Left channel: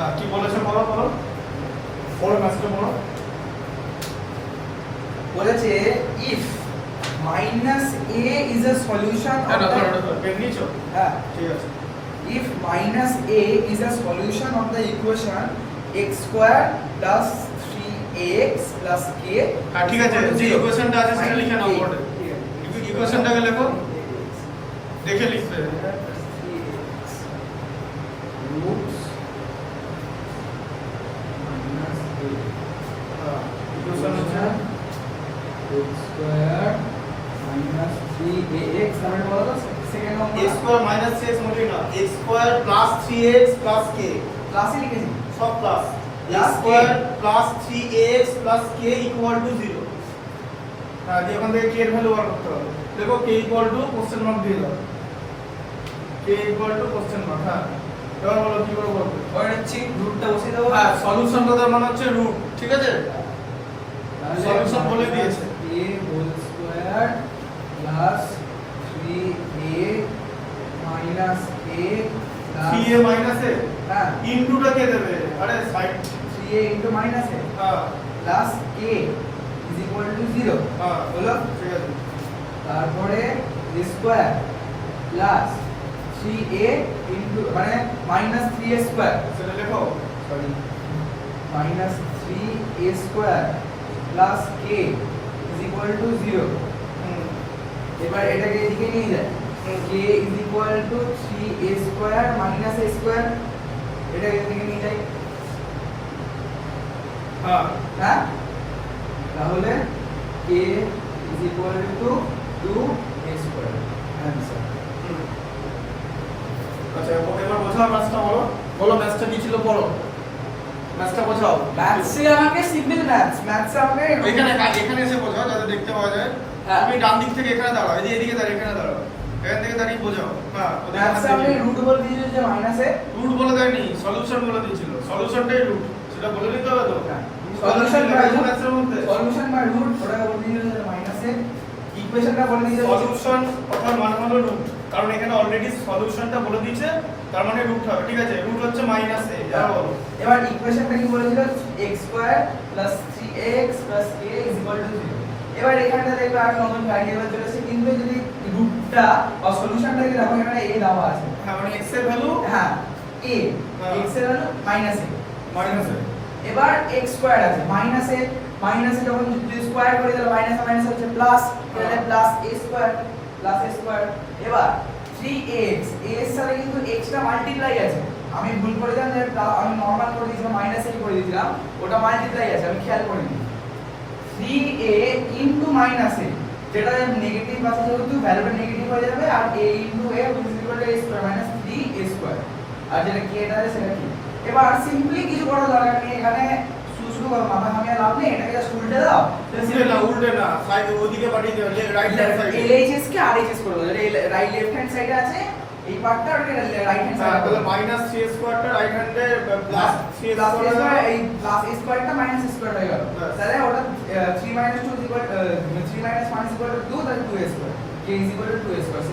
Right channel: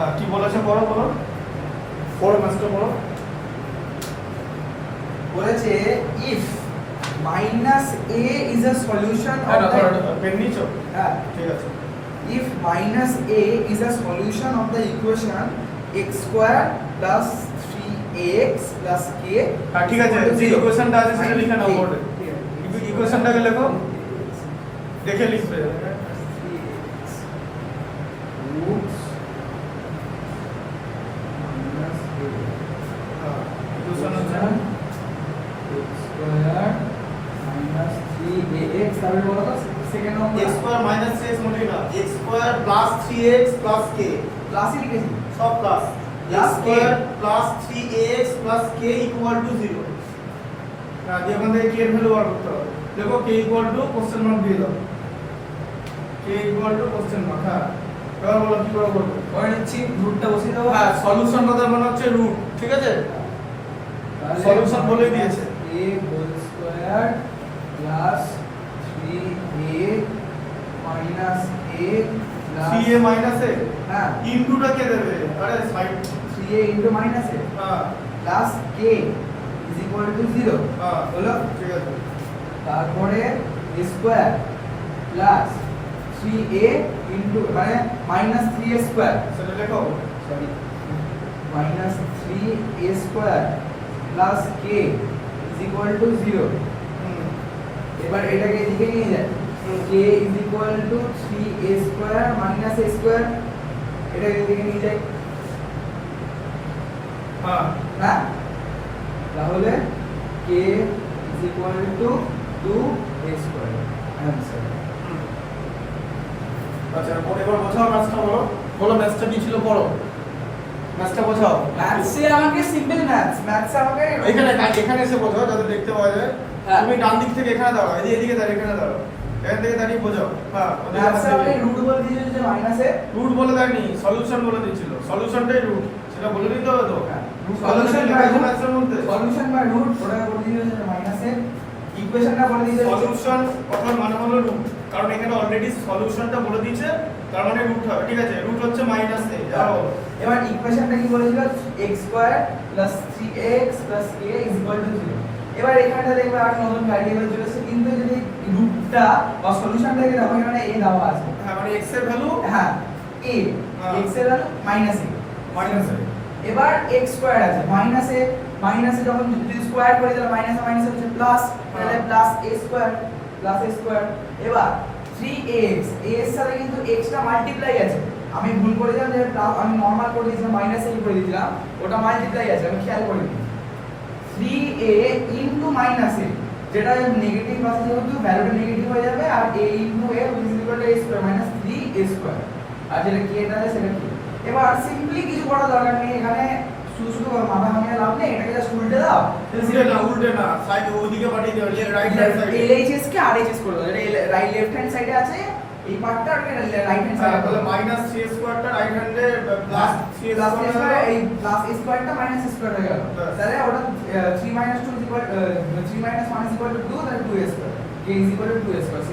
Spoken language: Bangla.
হ্যাঁ কি বলেছে পড়ো পড়ো পড়ো মাস্টার পড়ো। বলেছে if minus a is a solution of the pen নিছো? হ্যাঁ ঠিক আছে। if minus a is a solution of the equation x square plus 3x plus k হ্যাঁ ঠিক আছে, যে ইকুয়েশনটা আছে সেটা লিখে নাও বোর্ডে। ইকুয়েশনটাকে লেখো, দেখে লিখবে। 3x roots minus a equation হচ্ছে x square minus 3ax তারপরে বলো তো সেকেন্ড x নম্বর স্কয়ার মাইনাস 3x মোটেই না, x square plus 3x plus k, ক্লাসে লিখেছি সব plus. x Plus square k plus 3ax plus k equal to 0। হ্যাঁ দিয়ে এখান থেকে k এর ভ্যালু বার করতে হবে। দেখো k equal to question mark দিয়ে দাও, k equal to question mark. হ্যাঁ এবার বলো কি করে করবে। ওই নিচ্ছি রুটটা বসিয়ে দেবো হ্যাঁ সলিউশন কথা মনে হচ্ছে রুট, ঠিক আছে? সলিউশন বলে দিয়েছে a whole square plus 3a minus a plus 3a minus a হ্যাঁ ইনটুটা কে দেবে? আরে side 3a into minus a হ্যাঁ plus k is equal to 0 হ্যাঁ হলো ঠিক আছে। তারপরে স্কয়ার প্লাস 3a ইনটু মানে মাইনাস 3a স্কয়ার সেটা লেখো। Sorry minus 3a square plus k is equal to 0 হুম এবার এটাকে এদিকে নিয়ে যাই k is equal to 3a square minus a square এটাকে এদিকে নিয়ে যাই হ্যাঁ হ্যাঁ তাহলে k is equal two 2a square answer আচ্ছা এবার বোঝাও ম্যাথটা বলো, বলো ম্যাথটা কি ছিল পড়ো, ম্যাথটা বোঝাও। ম্যাথসে আমাকে সিম্পল ম্যাথসে আমাকে এখানে এখানে এসে বোঝাও যাতে দেখতে পাওয়া যায়। হ্যাঁ। তুমি ডান দিক থেকে এখানে দাঁড়াও, এই যে এদিকে দাঁড়িয়ে এখানে দাঁড়াও, এখান থেকে দাঁড়িয়ে বোঝাও। হ্যাঁ ম্যাথসে আমাকে রুট বলে দিয়েছে যে মাইনাসে রুট বলে দেয়নি, সলিউশন বলে দিয়েছিল, সলিউশনটাই রুট, সেটা বলে দিতে হবে তো। সলিউশন বাই রুট ম্যাথের মধ্যে সলিউশন বাই রুট ওটা বলে দিয়েছে যে মাইনাসে ইকুয়েশনটা বলে দিয়েছে সলিউশন কথার মানে হলো রুট, কারণ এখানে অলরেডি সলিউশনটা বলে দিয়েছে, তার মানে রুট হবে। ঠিক আছে, রুট হচ্ছে মাইনাস a। এবার ইকুয়েশনটা কি বলেছিল x square plus 3x plus k is equal to 0 এবার এখানটা দেখবে আর নতুন ভ্যারিয়েবল চলেছে কিন্তু যদি রুটটা বা সলিউশনটাকে দেখো এখানে a দেওয়া আছে হ্যাঁ মানে x এর ভ্যালু হ্যাঁ a x এর value minus a minus a। এবার x স্কয়ার আছে মাইনাসে যখন যদি স্কয়ার করে তাহলে মাইনাস হচ্ছে প্লাস তাহলে প্লাস a স্কয়ার এবার 3x a এর সাথে কিন্তু x টা মাল্টিপ্লাই আছে আমি ভুল করে দিলাম যে আমি নরমাল করে দিয়েছিলাম মাইনাস a করে দিয়েছিলাম ওটা মাল্টিপ্লাই আছে আমি খেয়াল করে দিই 3a ইনটু মাইনাস a যেটা নেগেটিভ আছে যেহেতু ভ্যালুটা নেগেটিভ হয়ে যাবে আর a into a is equal to a square minus 3a square আর যেটা কি এটা আছে সেটা কি এবার সিম্পলি কিছু করার দরকার নেই এখানে শুধু মাথা ঘামিয়ে লাভ নেই এটাকে জাস্ট উল্টে দাও উল্টে না সাইড ওদিকে পাঠিয়ে দেবে, রাইট হ্যান্ড সাইডে LHS কে RHS করে দাও যেটা রাইট লেফট হ্যান্ড সাইডে আছে এই পার্টটা আর রাইট হ্যান্ড সাইডে তাহলে মাইনাস 3 স্কয়ারটা রাইট হ্যান্ডে প্লাস 3 প্লাস স্কয়ার এই প্লাস স্কয়ারটা মাইনাস স্কয়ার হয়ে গেল তাহলে ওটা 3 2 3 1 2 তাহলে 2 square k is equal to 2 square